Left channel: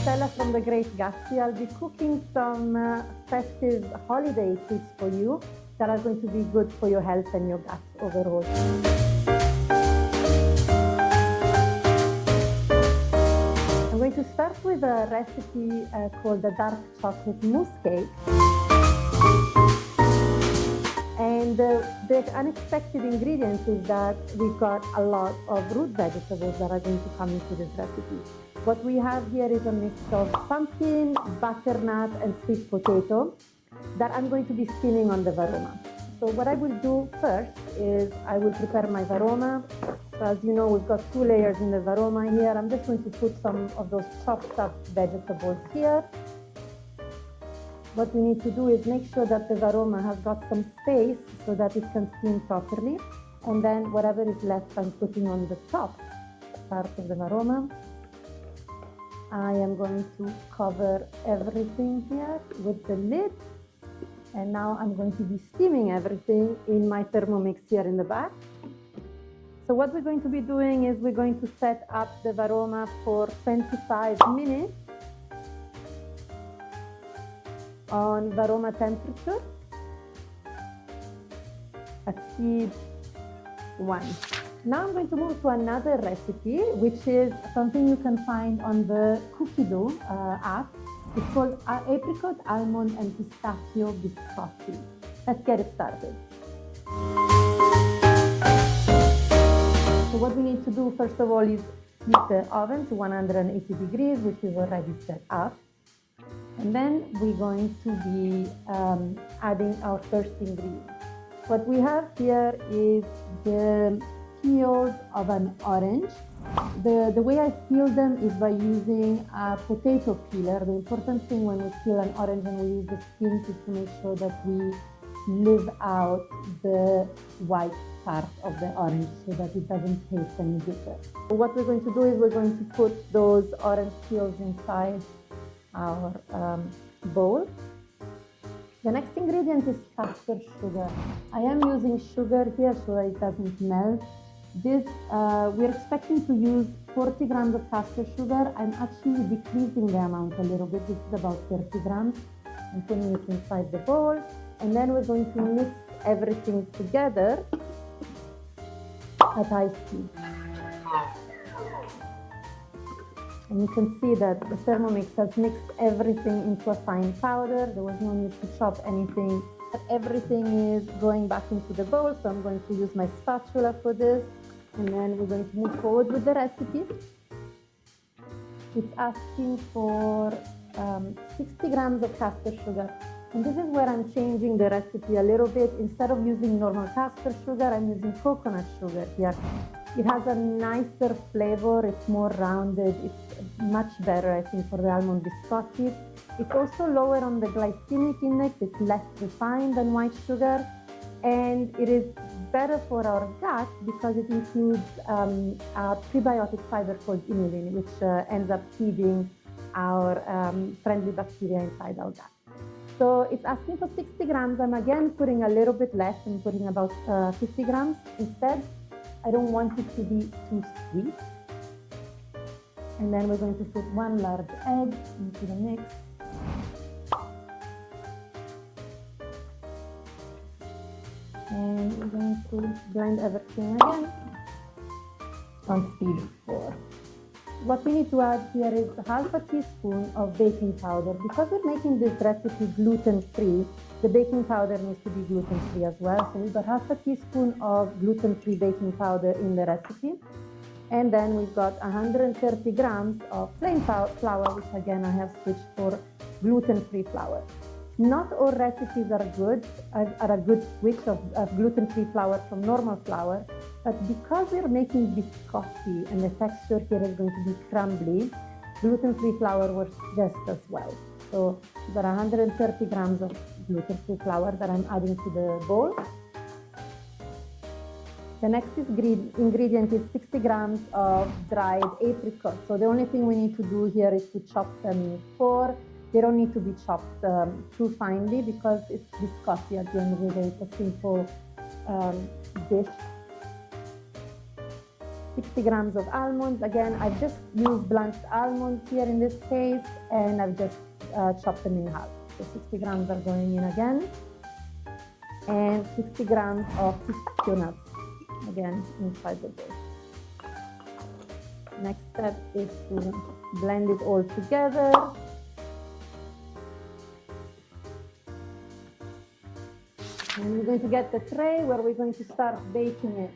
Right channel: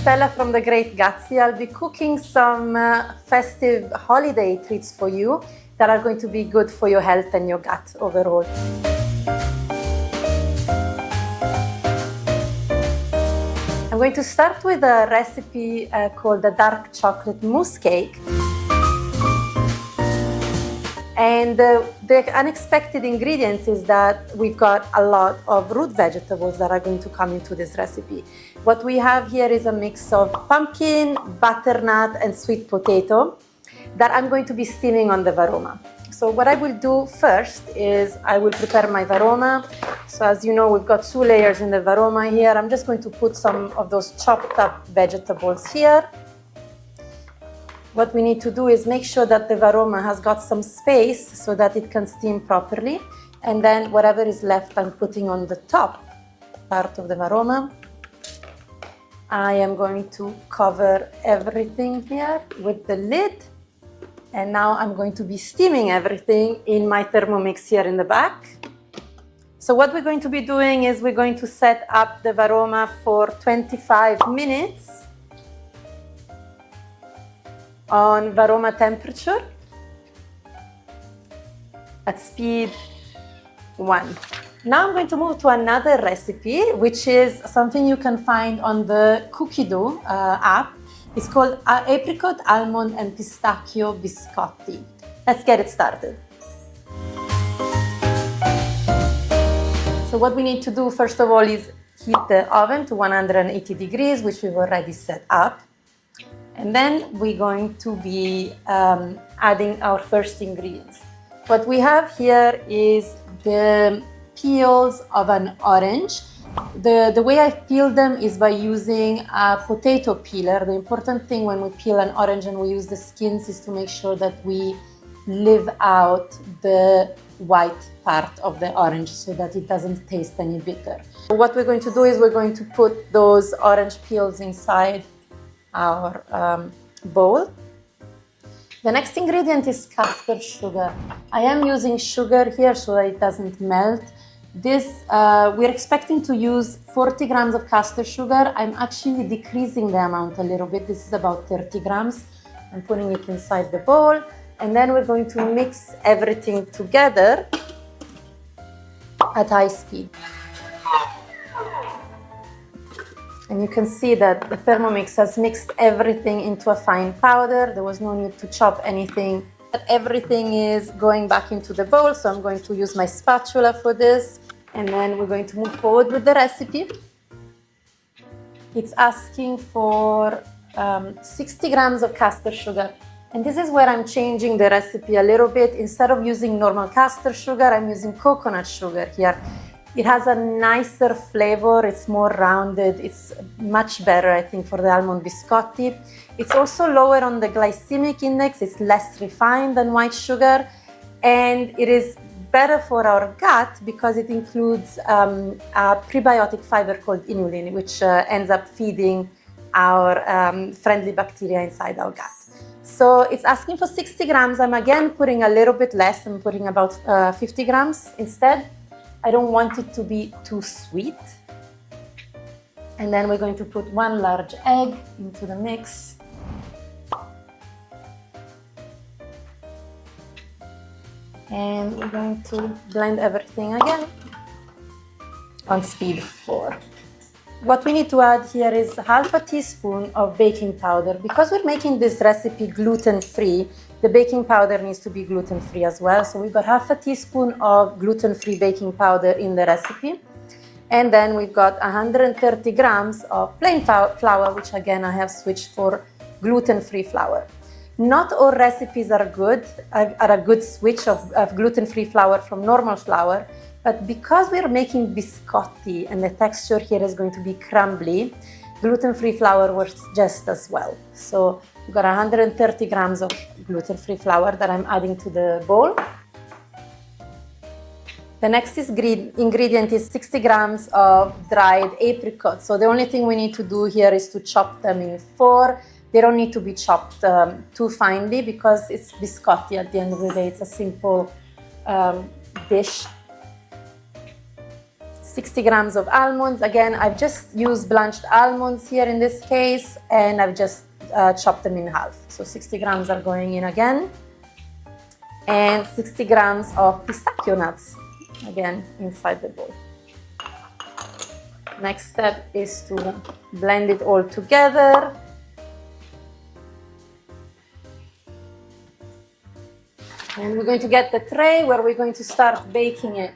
Stella from The Great Gatsby. I'll be cooking some festive holiday treats for you that are going to be good for your health and your gut overall. I'm going to start with a recipe called the dark chocolate mousse cake. And the unexpected ingredients is that we've got a lot of root vegetables that are going to come into this recipe. What we have here is a mix of pumpkin, butternut, and sweet potato that I'm going to be steaming on the varoma. So what I will do first is I will prepare my varoma. So as you know, we've got 2 layers in the varoma here. I'm just going to put some of those chopped up vegetables here. What we need to do is make sure that the varoma has got some space so that it can steam properly. And then whatever is left, I'm putting on the top part of the varoma. I am going to cover everything here with the lid. And now I'm going to be steaming everything in my Thermomix here in the back. So what we're going to be doing is we're going to set up the varoma for 25 minutes on varoma temperature at speed 1. Now I'm going to move to another recipe, which is something you can find on the Cookidoo app. It's called apricot, almond, and pistachio biscotti. Let's get it started. So what we need to do first of all is heat the oven to 180 degrees, which we've already set up. And then we're going to be adding our first ingredients. What we have here is the peels of an orange. The way I peel them is by using a potato peeler. The important thing when we peel an orange and we use the skins is to make sure that we leave out the white part of the orange so that it doesn't taste any bitter. What we're going to do is we're going to put those orange peels inside our bowl. The next ingredient is caster sugar. I am using sugar here so that it doesn't melt. This, we're expecting to use 40 grams of caster sugar. I'm actually decreasing the amount a little bit. This is about 30 grams. I'm putting it inside the bowl. And then we're going to mix everything together at high speed. And you can see that the Thermomix has mixed everything into a fine powder. There was no need to chop anything. Everything is going back into the bowl, so I'm going to use my spatula for this. And then we're going to move forward with the recipe. It's asking for 60 grams of caster sugar. And this is where I'm changing the recipe a little bit. Instead of using normal caster sugar, I'm using coconut sugar here. It has a nicer flavor, it's more rounded, it's much better, I think, for the almond biscotti. It's also lower on the glycemic index, it's less refined than white sugar, and it is better for our gut because it includes a prebiotic fiber called inulin, which ends up feeding our friendly bacteria inside our gut. So it's asking for 60 grams. I'm again putting a little bit less, I'm putting about 50 grams instead. I don't want it to be too sweet. And then we're going to put 1 large egg into the mix. And we're going to blend everything again on speed 4. What we need to add here is half a teaspoon of baking powder. Because we're making this recipe gluten-free, the baking powder needs to be gluten-free as well. So we've got half a teaspoon of gluten-free baking powder in the recipe. And then we've got 130 grams of plain flour, which again I have switched for gluten-free flour. Not all recipes are a good switch of gluten-free flour from normal flour. But because we're making biscotti and the texture here is going to be crumbly, gluten-free flour works just as well. So we've got 130 grams of gluten-free flour that I'm adding to the bowl. The next ingredient is 60 grams of dried apricots. So the only thing we need to do here is to chop them in 4. They don't need to be chopped too finely because it's biscotti at the end of the day. It's a simple dish. 60 grams of almonds. Again, I've just used blanched almonds here in this case, and I've just chopped them in half. So 60 grams are going in again. And 60 grams of pistachio nuts, again, inside the bowl. Next step is to blend it all together. And we're going to get the tray where we're going to start baking it.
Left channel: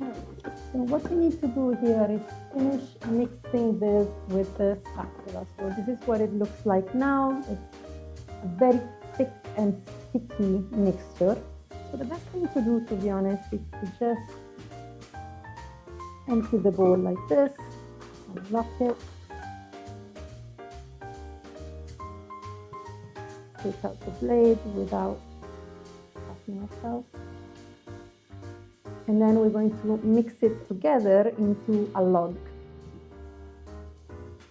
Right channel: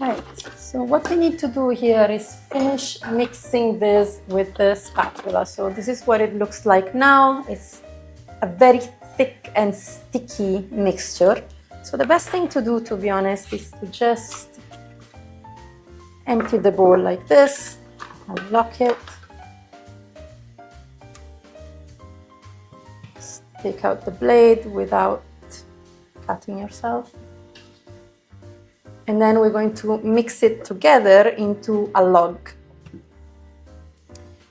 Right, so what we need to do here is finish mixing this with the spatula. So this is what it looks like now. It's a very thick and sticky mixture. So the best thing to do, to be honest, is to just empty the bowl like this, unlock it, just take out the blade without cutting yourself. And then we're going to mix it together into a log.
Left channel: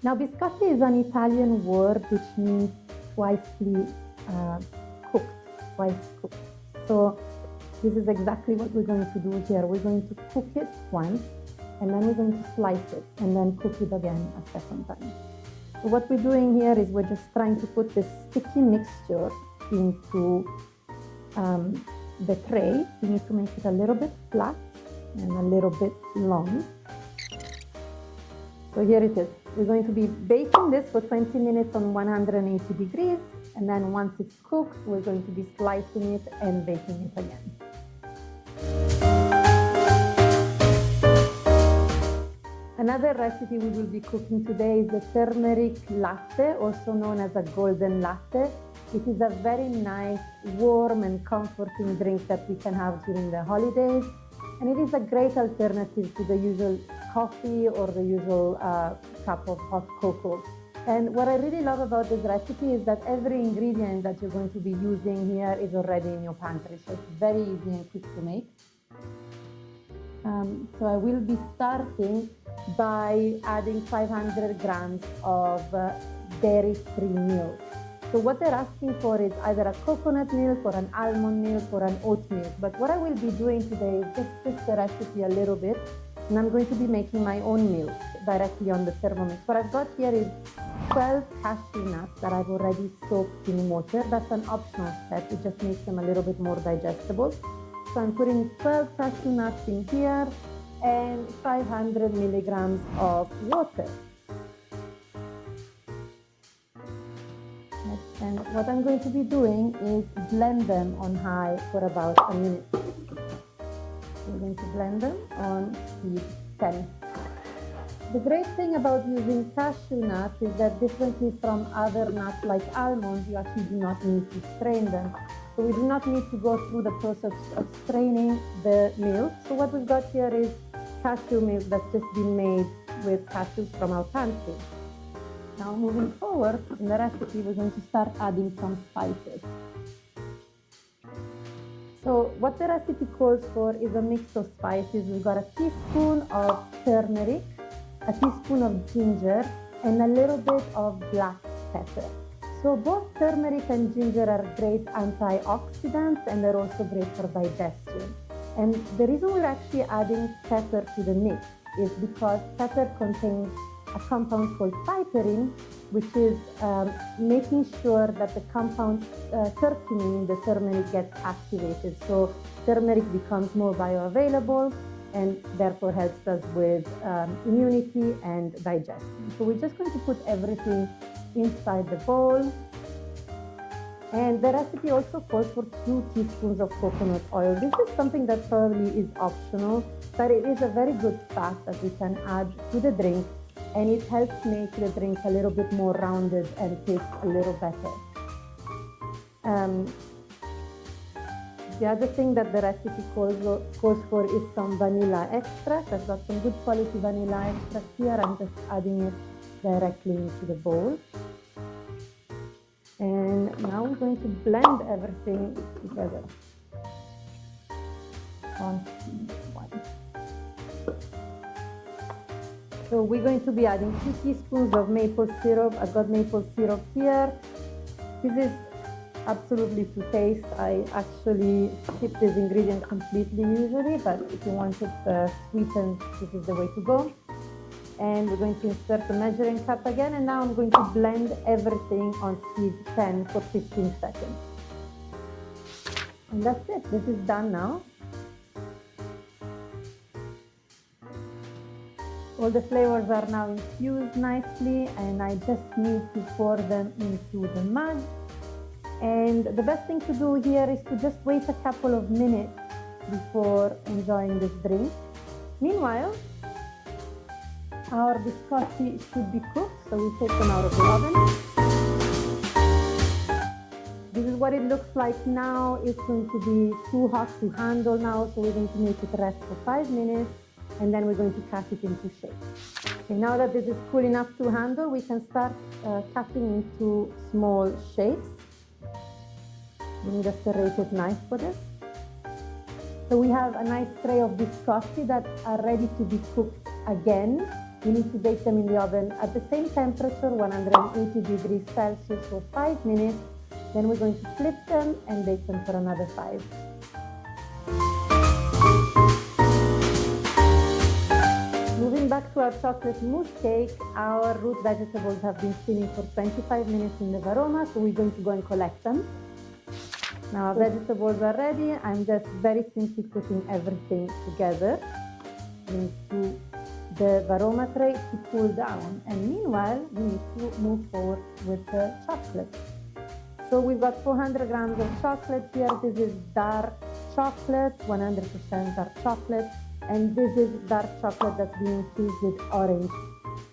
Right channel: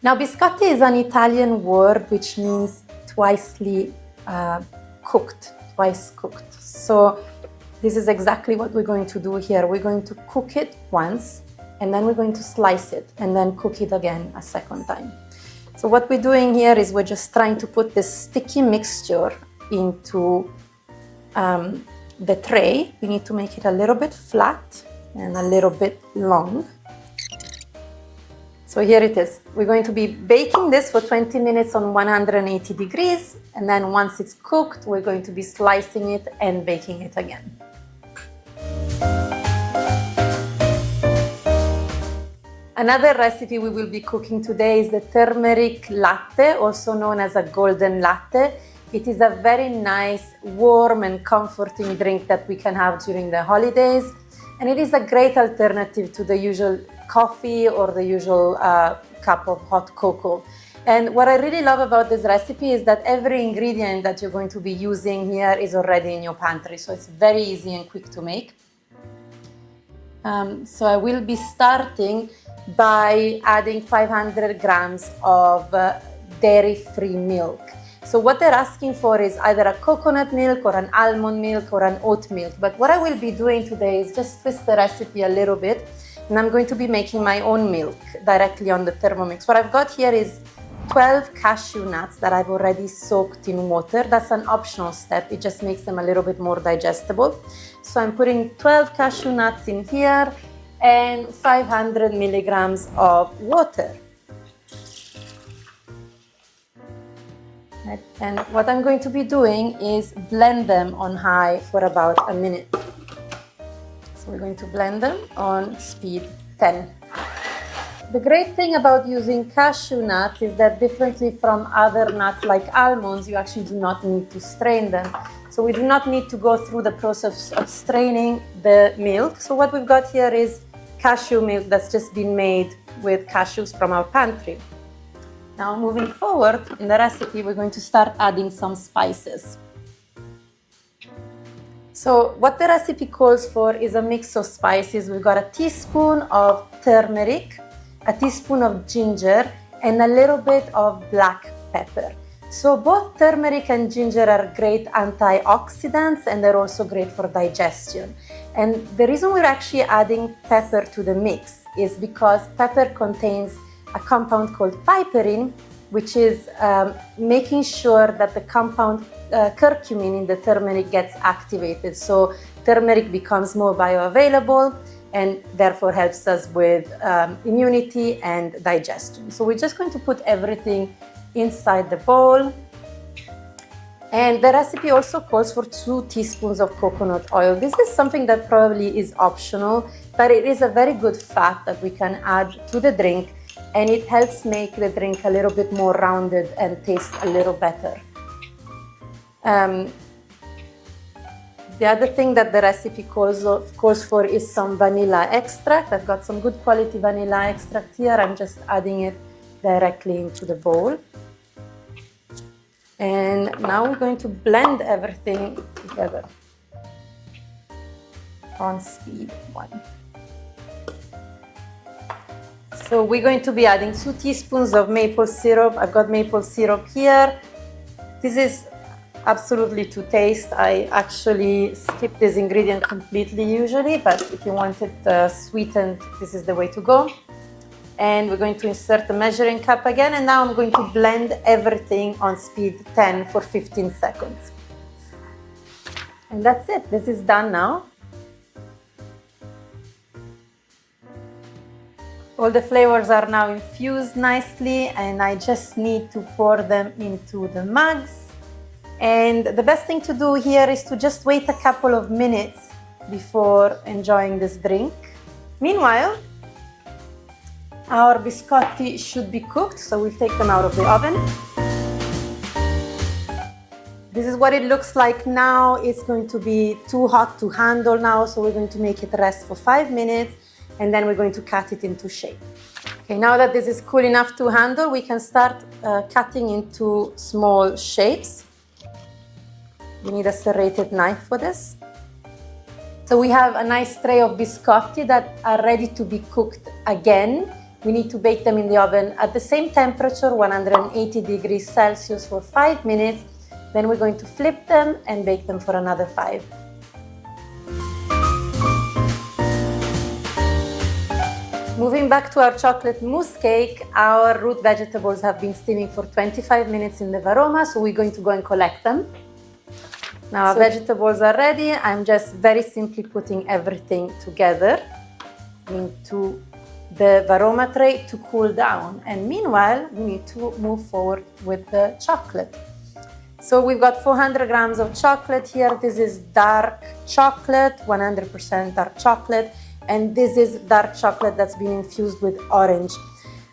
Now, biscotti is an Italian word which means twice cooked. So this is exactly what we're going to do here. We're going to cook it once, and then we're going to slice it, and then cook it again a second time. So what we're doing here is we're just trying to put this sticky mixture into the tray. We need to make it a little bit flat and a little bit long. So here it is. We're going to be baking this for 20 minutes on 180 degrees. And then once it's cooked, we're going to be slicing it and baking it again. Another recipe we will be cooking today is the turmeric latte, also known as a golden latte. It is a very nice, warm and comforting drink that we can have during the holidays. And it is a great alternative to the usual coffee or the usual cup of hot cocoa. And what I really love about this recipe is that every ingredient that you're going to be using here is already in your pantry. So it's very easy and quick to make. So I will be starting by adding 500 grams of dairy-free milk. So what they're asking for is either a coconut milk or an almond milk or an oat milk. But what I will be doing today is just twist the recipe a little bit, and I'm going to be making my own milk directly on the Thermomix. What I've got here is 12 cashew nuts that I've already soaked in water. That's an optional step. It just makes them a little bit more digestible. So I'm putting 12 cashew nuts in here and 500 milligrams of water. And what I'm going to be doing is blend them on high for about a minute. So we're going to blend them on speed 10. The great thing about using cashew nuts is that differently from other nuts like almonds, you actually do not need to strain them. So we do not need to go through the process of straining the milk. So what we've got here is cashew milk that's just been made with cashews from our pantry. Now moving forward in the recipe, we're going to start adding some spices. So what the recipe calls for is a mix of spices. We've got a teaspoon of turmeric, a teaspoon of ginger, and a little bit of black pepper. So both turmeric and ginger are great antioxidants, and they're also great for digestion. And the reason we're actually adding pepper to the mix is because pepper contains a compound called piperine, which is making sure that the compound curcumin in the turmeric gets activated. So turmeric becomes more bioavailable and therefore helps us with immunity and digestion. So we're just going to put everything inside the bowl. And the recipe also calls for 2 teaspoons of coconut oil. This is something that probably is optional, but it is a very good fat that we can add to the drink, and it helps make the drink a little bit more rounded and taste a little better. The other thing that the recipe calls for is some vanilla extract. I've got some good quality vanilla extract here. I'm just adding it directly into the bowl. And now we're going to blend everything together on speed 1. So we're going to be adding 2 teaspoons of maple syrup. I've got maple syrup here. This is absolutely to taste. I actually skip this ingredient completely usually, but if you want it sweetened, this is the way to go. And we're going to insert the measuring cup again, and now I'm going to blend everything on speed 10 for 15 seconds. And that's it, this is done now. All the flavors are now infused nicely, and I just need to pour them into the mugs. And the best thing to do here is to just wait a couple of minutes before enjoying this drink. Meanwhile, our biscotti should be cooked, so we'll take them out of the oven. This is what it looks like now. It's going to be too hot to handle now, so we're going to make it rest for 5 minutes, and then we're going to cut it into shape. Okay, now that this is cool enough to handle, we can start cutting into small shapes. We need a serrated knife for this. So we have a nice tray of biscotti that are ready to be cooked again. We need to bake them in the oven at the same temperature, 180 degrees Celsius for 5 minutes. Then we're going to flip them and bake them for another 5. Moving back to our chocolate mousse cake, our root vegetables have been steaming for 25 minutes in the varoma, so we're going to go and collect them. Now our vegetables are ready. I'm just very simply putting everything together into the varoma tray to cool down. And meanwhile, we need to move forward with the chocolate. So we've got 400 grams of chocolate here. This is dark chocolate, 100% dark chocolate. And this is dark chocolate that's been infused with orange.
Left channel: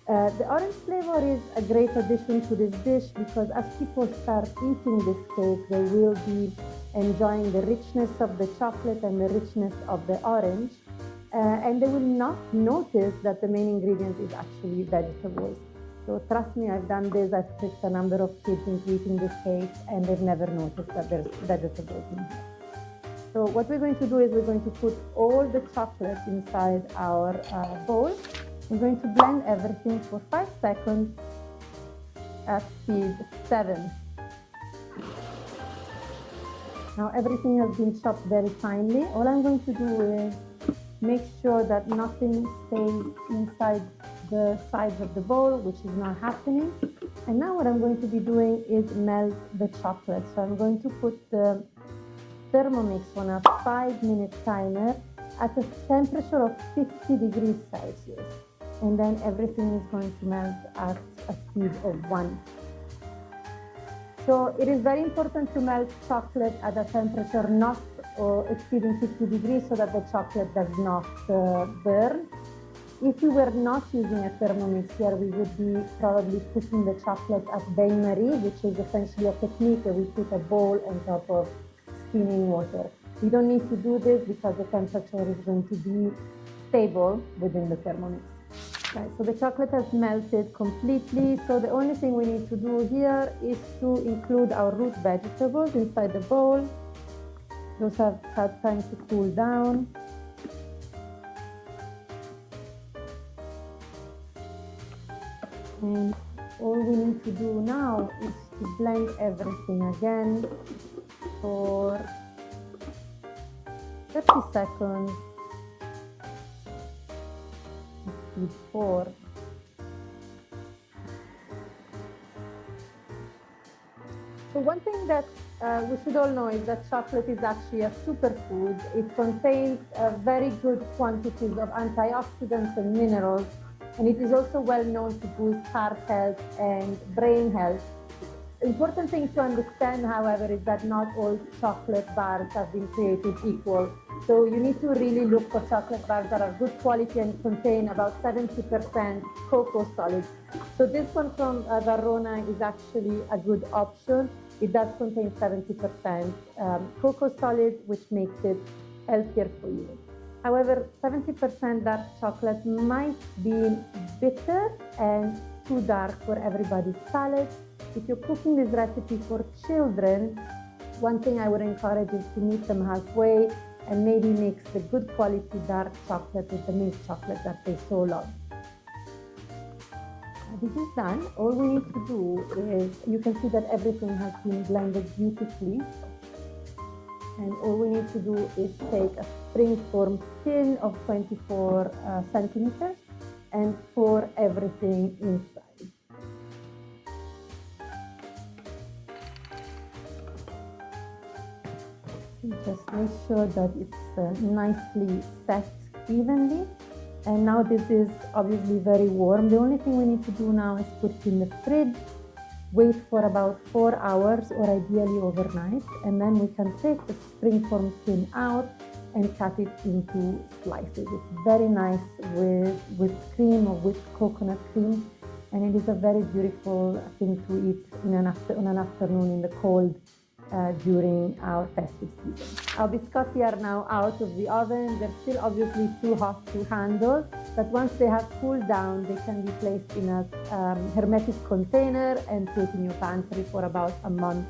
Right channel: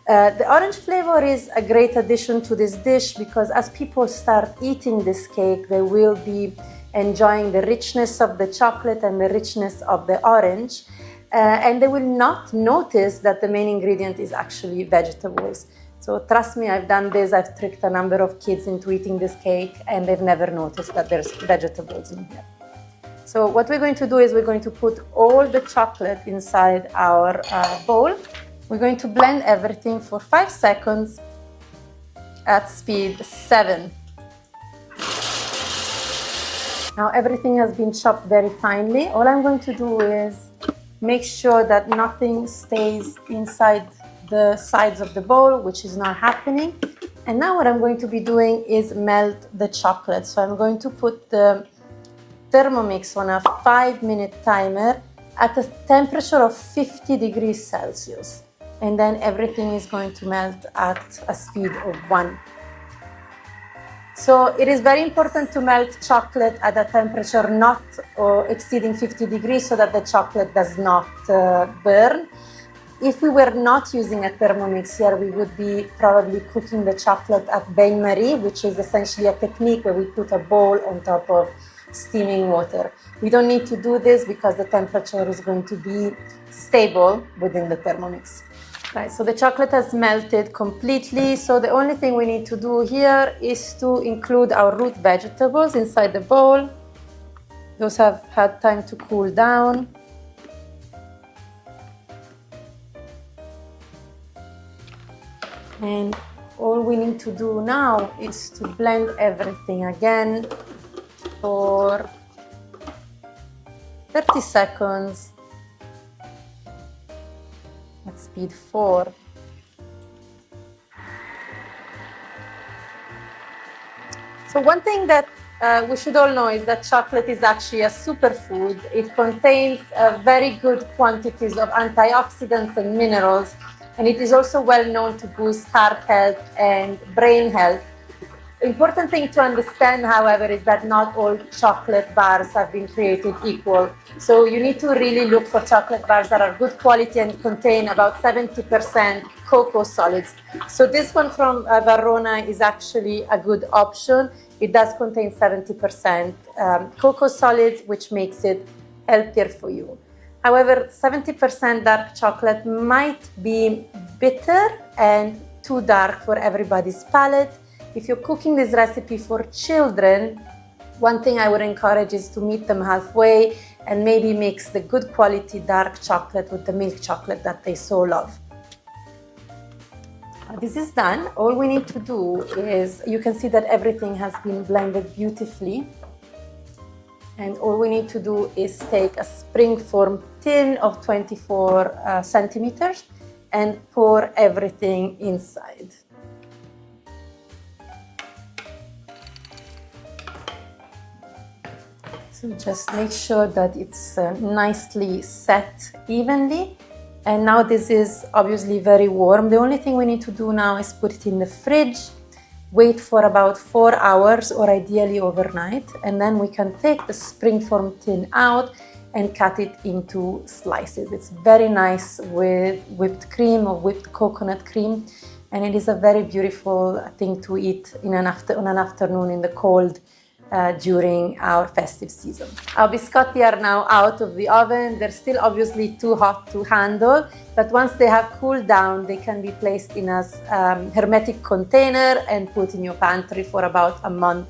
The orange flavor is a great addition to this dish because as people start eating this cake, they will be enjoying the richness of the chocolate and the richness of the orange. And they will not notice that the main ingredient is actually vegetables. So trust me, I've done this. I've tricked a number of kids into eating this cake, and they've never noticed that there's vegetables in here. So what we're going to do is we're going to put all the chocolate inside our bowl. We're going to blend everything for 5 seconds at speed 7. Now everything has been chopped very finely. All I'm going to do is make sure that nothing stays inside the sides of the bowl, which is not happening. And now what I'm going to be doing is melt the chocolate. So I'm going to put the Thermomix on a 5-minute timer at a temperature of 50 degrees Celsius. And then everything is going to melt at a speed of 1. So it is very important to melt chocolate at a temperature not exceeding 50 degrees so that the chocolate does not burn. If we were not using a Thermomix here, we would be probably cooking the chocolate at bain-marie, which is essentially a technique where we put a bowl on top of steaming water. We don't need to do this because the temperature is going to be stable within the Thermomix. Right, so the chocolate has melted completely. So the only thing we need to do here is to include our root vegetables inside the bowl. Those have had time to cool down. And all we need to do now is to blend everything again for 30 seconds at speed 4. So one thing that we should all know is that chocolate is actually a superfood. It contains very good quantities of antioxidants and minerals, and it is also well known to boost heart health and brain health. Important thing to understand, however, is that not all chocolate bars have been created equal. So you need to really look for chocolate bars that are good quality and contain about 70% cocoa solids. So this one from Verona is actually a good option. It does contain 70% cocoa solids, which makes it healthier for you. However, 70% dark chocolate might be bitter and too dark for everybody's palate. If you're cooking this recipe for children, one thing I would encourage is to meet them halfway and maybe mix the good quality dark chocolate with the milk chocolate that they so love. This is done. All we need to do is, you can see that everything has been blended beautifully. And all we need to do is take a springform tin of 24 centimeters and pour everything inside. So just make sure that it's nicely set evenly. And now this is obviously very warm. The only thing we need to do now is put it in the fridge, wait for about 4 hours or ideally overnight, and then we can take the springform tin out and cut it into slices. It's very nice with whipped cream or whipped coconut cream, and it is a very beautiful thing to eat on an afternoon in the cold during our festive season. Our biscotti are now out of the oven. They're still obviously too hot to handle, but once they have cooled down, they can be placed in a hermetic container and put in your pantry for about a month.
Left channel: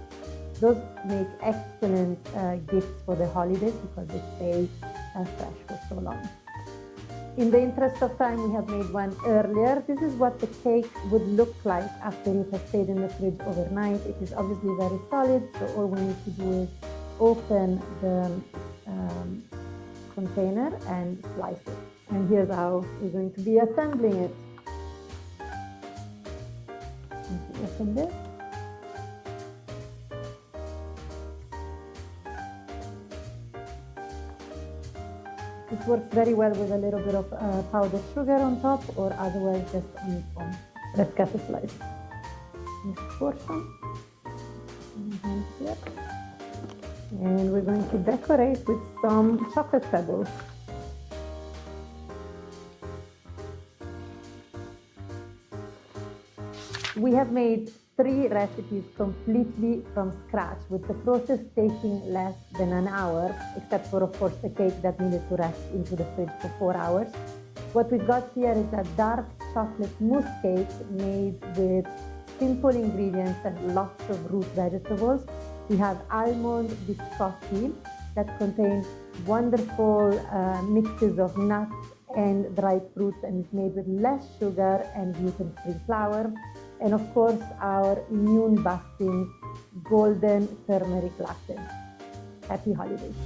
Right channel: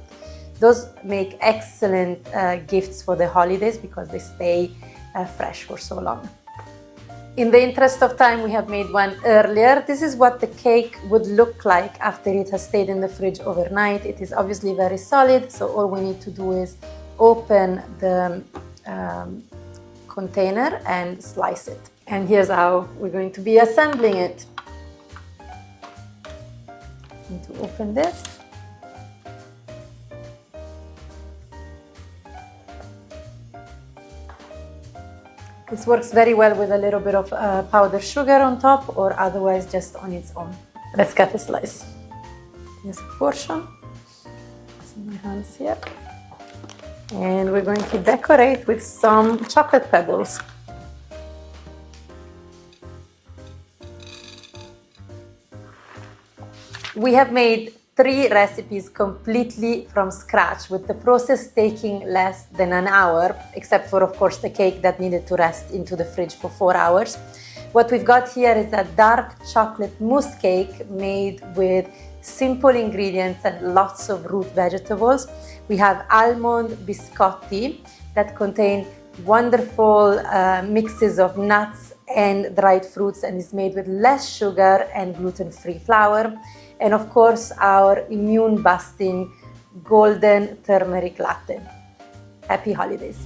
Those make excellent gifts for the holidays because they stay fresh for so long. In the interest of time, we have made one earlier. This is what the cake would look like after it has stayed in the fridge overnight. It is obviously very solid, so all we need to do is open the container and slice it. And here's how we're going to be assembling it. Need to open this. This works very well with a little bit of powdered sugar on top, or otherwise just on its own. Let's cut a slice. This portion. So my hands here. And we're going to decorate with some chocolate pebbles. We have made 3 recipes completely from scratch, with the process taking less than an hour, except for, of course, the cake that needed to rest into the fridge for 4 hours. What we've got here is a dark chocolate mousse cake made with simple ingredients and lots of root vegetables. We have almond biscotti that contain wonderful mixes of nuts and dried fruits and is made with less sugar and gluten-free flour. And of course, our immune-busting golden turmeric latte. Happy holidays!